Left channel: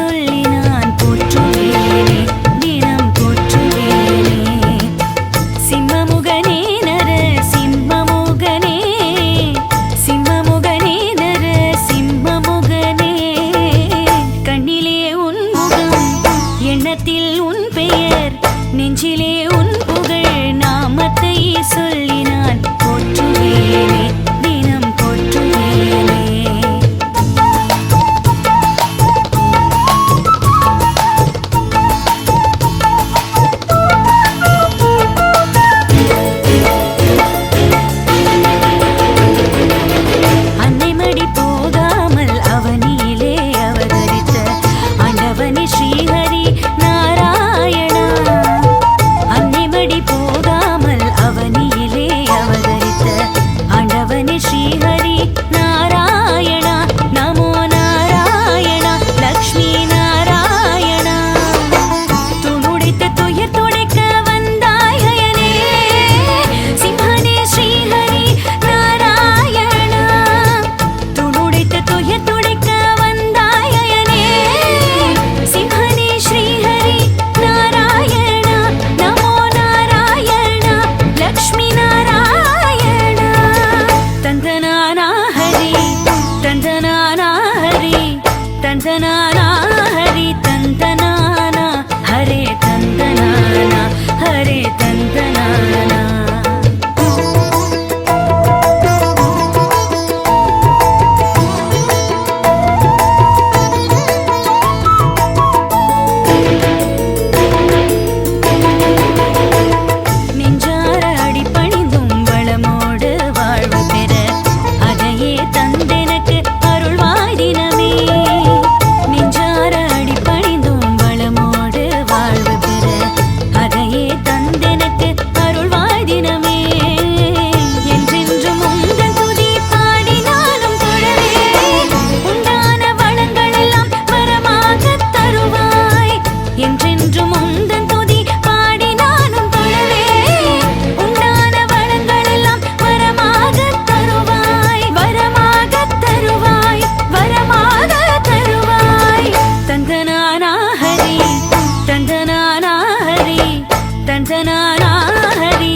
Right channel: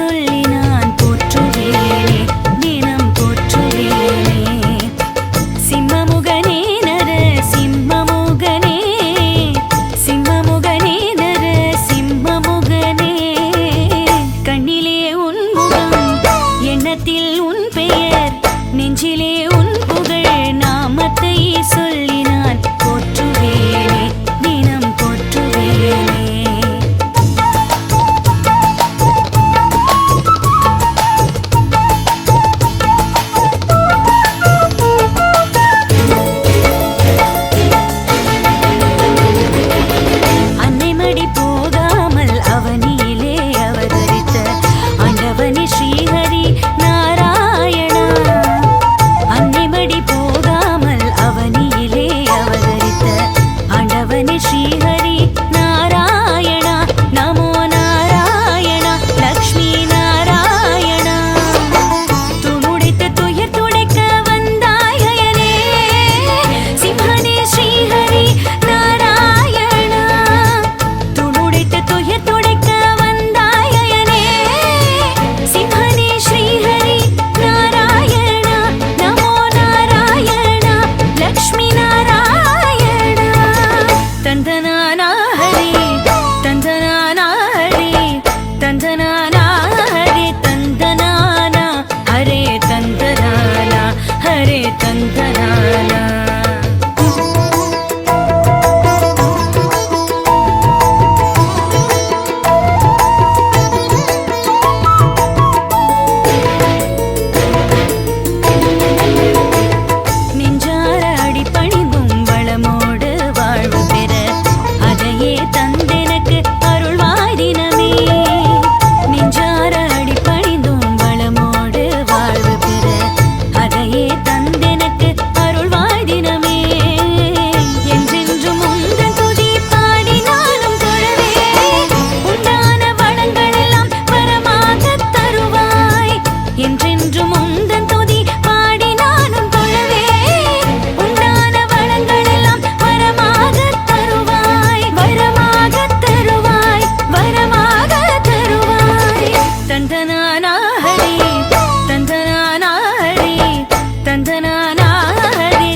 சொல்லி நான் போற்றுவேனே, தினம் போற்றுவேனே. சிம்மமுகனே நர சிம்மமுகனே, சிம்மமுகனே நர சிம்மமுகனே. கண்ணிலே உன் முகம், எண்ணத்தில் உன் பெயர், நெஞ்சிலே உன் புகழ் நாமத்தை சொல்லி நான் போற்றுவேனே, தினம் போற்றுவேனே. அன்னைமடி போகாமல் அவனியிலே அவதரித்த ஆண்டவனே ஸ்ரீஹரி நாராயணா. அன்னைமடி போகாமல் அவனியிலே அவதரித்த ஆண்டவனே ஸ்ரீஹரி நாராயணா. நமோ நாராயணா லக்ஷ்மி நாராயணா. துணுடைத்த துயர் துடைக்க வந்தாயனே, சிம்ஹனே ஸ்ரீஹரி நாராயணா. துணுடைத்த துயர் துடைக்க வந்தாயனே, சிம்ஹனே ஸ்ரீஹரி நாராயணா. நமோ நாராயணா லக்ஷ்மி நாராயணா. தந்தனானா ஹரி, தந்தனானா ஹரி, தந்தனானா ஹரி, தந்தனானா ஹரே, தந்தனானா ஹரே, தந்தனானா. நெஞ்சார அடிபணிந்தும் வளமோடு வாழ்வு பெற அதையே தந்தெனக்கு அருள்வாய் தினமே. நெஞ்சார அடிபணிந்தும் வளமோடு வாழ்வு பெற அதையே தந்தெனக்கு அருள்வாய் தினமே. என்றென்றும் உந்தன் துதி பாடினாலும் தொழவே, உண்டான வளங்கள் எல்லாம் வரமாக தருவாய். என்றென்றும் உந்தன் துதி பாடினாலும் தொழவே, உண்டான வளங்கள் எல்லாம் வரமாக தருவாய், வரமாக தருவாய், வரமாக தருவாய். தந்தனானா ஹரி, தந்தனானா ஹரி, தந்தனானா ஹரி,